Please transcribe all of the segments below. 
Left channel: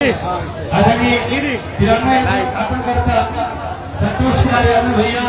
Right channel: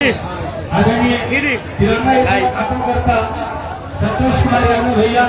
आदरणीय तिरंगा स्थापन करता संतोष कुमार यादव भैया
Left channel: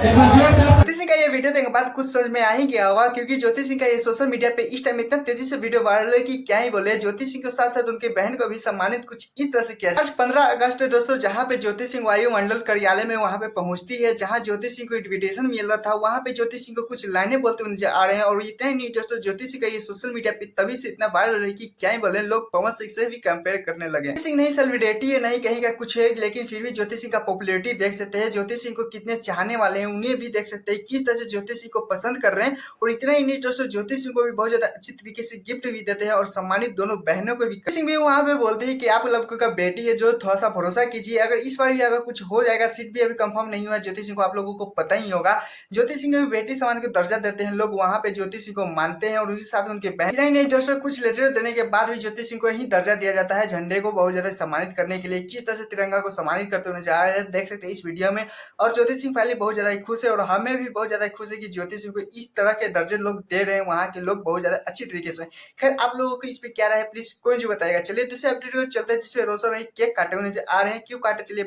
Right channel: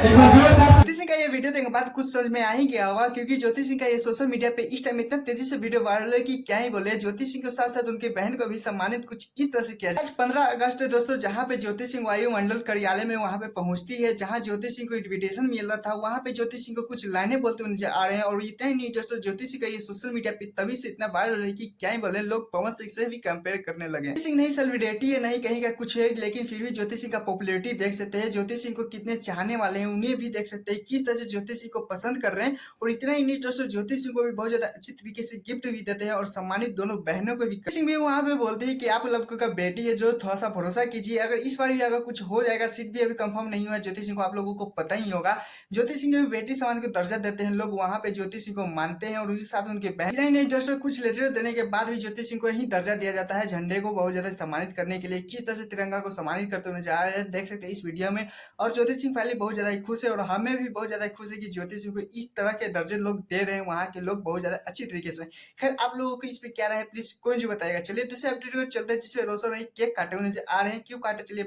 एक बार जोरदार। ज्योति सिंह का ये वीडियो देखने के बाद कुछ समझ में आ ही गया होगा, क्योंकि ज्योति सिंह का ये सोशल मीडिया पे इस टाइम इतना तेजी से वीडियो वायरल है कि क्या ही बोले। ज्योति सिंह के साथ साथ उनकी बहन को भी सम्मानित कुछ इस तरह से किया। आज 15 अगस्त है दोस्तों, जहां पे ज्योति सिंह वायुमंडल कार्यालय में वहां पे पहुंचती है, जहां ज्योति सिंह को इन्विटेशन मिल रहा था। वहां पे ज्योति सिंह को कुछ लाइनें बोलते हुए नजर आ रहे हैं। और इतना ही नहीं दोस्तों, ज्योति सिंह का ये सोशल मीडिया पे तभी से इतना वायरल है कि क्या ही बोले, लोग पवन सिंह से भी कंपेयर करने लगे। ज्योति सिंह नहीं सेलिब्रिटी है, नहीं कहीं का कुछ है, लेकिन फिर भी ज्योति सिंह का पॉपुलैरिटी देख सकते हैं। ज्योति सिंह को कितने चाहने वाले हैं उन्हें भी देख सकते हैं, किस तरह से ज्योति सिंह को पसंद कर रहे हैं। और इतना ही नहीं दोस्तों, ज्योति सिंह को भी बहुत ज्यादा अच्छी तरीके से गिफ्ट भी देते हैं और सम्मानित दोनों बहनों को भी। ज्योति सिंह भी वहां पे बोलते हैं कि आप लोगों का बेटी है, जो थोड़ा सा भरोसा कीजिए, अगर इस बार ही अगर कुछ हो जाएगा, सीट भी अभी कंफर्म नहीं हुआ ज्योति सिंह को, आप लोगों को पता ही होगा। ज्योति सिंह भी बेटी समान को दर्जा देते हैं लोग, वहां पे ज्योति सिंह को मानते हैं और उसके साथ उनके बहन। इतना ही नहीं दोस्तों, कुछ लेटर देने के बाद भी ज्योति सिंह को ही दर्जा दिया जाता है, झंडे को बहुत ज्यादा सम्मानित करने के लिए। किस तरह से तिरंगा को सम्मानित करते हुए जा रहे हैं देख सकते हैं इस वीडियो में। और ज्योति सिंह फाइनली बहुत ज्यादा खुश है और हमें भी बहुत ज्यादा खुश है कि ज्योति सिंह को इस तरह के दर्जे लोग दे रहे हैं, वहाँ के लोग बहुत ज्यादा अच्छी तरीके से। खैर आप लोगों को इस पे क्या राय है, प्लीज कोई जो बताएगा। चलिए दूसरे अपडेट को चलते हैं, जिसमें रोशन भाई केक काटे हुए नजर आ रहे हैं। क्यों काटे चलिए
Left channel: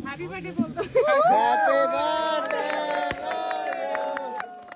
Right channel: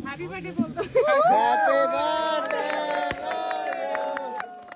हैप्पी बर्थडे बोल दो। Happy birthday.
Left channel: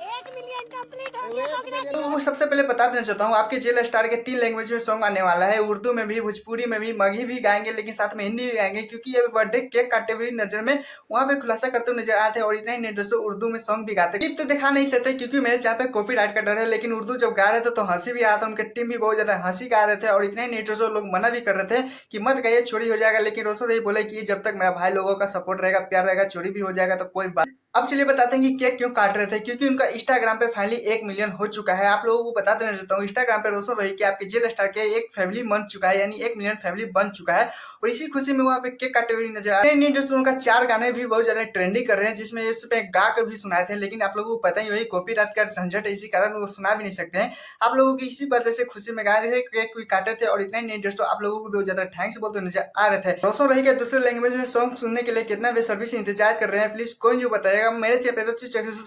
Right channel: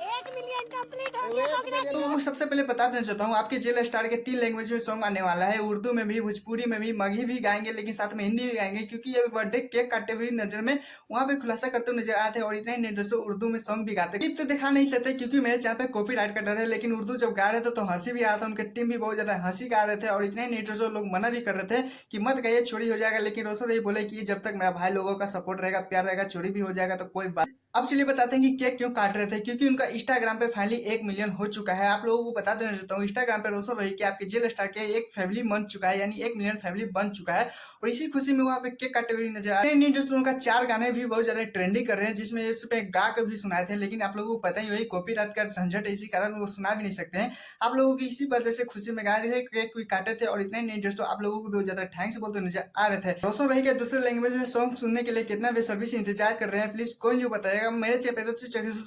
1 मिलियन कंप्लीट हो गया। तो सबसे पहले बता देना चाहता हूँ, आपके जेल स्टार के 3 लैंग्वेज में सॉन्ग आने वाला है, उर्दू में भी, भोजपुरी में भी, मगही भी गाएंगे, लेकिन साथ में हिंदी भी गाएंगे। क्योंकि ये बर्थडे केक काटे हुए नजर में वहाँ पे खुलासा करते हुए नजर आते हैं। और इतना ही नहीं दोस्तों, उर्दू में सॉन्ग भी गाते हैं। तो दिखा नहीं सकते क्योंकि मेरे चैनल पे कॉपीराइट का डर है, लेकिन उर्दू जब गा रहे थे तो हंसी भी आ रहा था, उनके टीम भी बहुत ज्यादा हंसी गा रहे थे। और इतना ही नहीं दोस्तों, लोग मना भी कर रहे थे कि मत गाइए, चोरी हो जाएगा, लेकिन रोशन यही बोले कि जब तक मेरा भाई लोगों का सपोर्ट रहेगा, प्यार रहेगा, चोरी भी हो जाएगा तो कोई बात। अब चलिए बताते हैं कि केक क्यों काट रहे थे। क्योंकि उनका इंस्टाग्राम पे फाइनली 1 मिलियन हो चुका है। आप लोगों को बता देना चाहता हूँ, इंस्टाग्राम पे रोशन रोही के आपके जेल स्टार के एक फैमिली बन चुका है, यानी 1 मिलियन फैमिली बन चुका है। और इसी खुशी में वहाँ पे केक काटे हुए नजर आ रहे हैं। दोस्तों उनका 4 गाने भी बहुत ज्यादा ट्रेंडिंग कर रहे हैं, जिसमें इस पे गा कर भी सुनाए थे, लेकिन आप लोगों को पता ही वही कॉपीराइट का झंझट है, इसी कारण वो सुना भी नहीं सकते हैं। आप लोगों की इसी वजह से खुशी में गा रहे थे, केक भी काटे थे। और इतना ही नहीं दोस्तों, आप लोगों को बहुत ज्यादा थैंक्स बोलते नजर आ रहे थे। रोशन रोही के दूसरे लैंग्वेज में सॉन्ग सुनने के लिए कितना बेसब्री से इंतजार कर रहे हैं, प्लीज कोई नहीं बताएगा। मेरे चैनल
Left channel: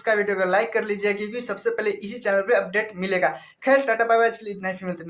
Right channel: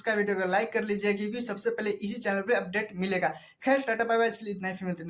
का वीडियो को लाइक कर लीजिए, क्योंकि सबसे पहले इसी चैनल पे अपडेट मिलेगा। खैर टाटा बाय बाय, आज के लिए इतना ही।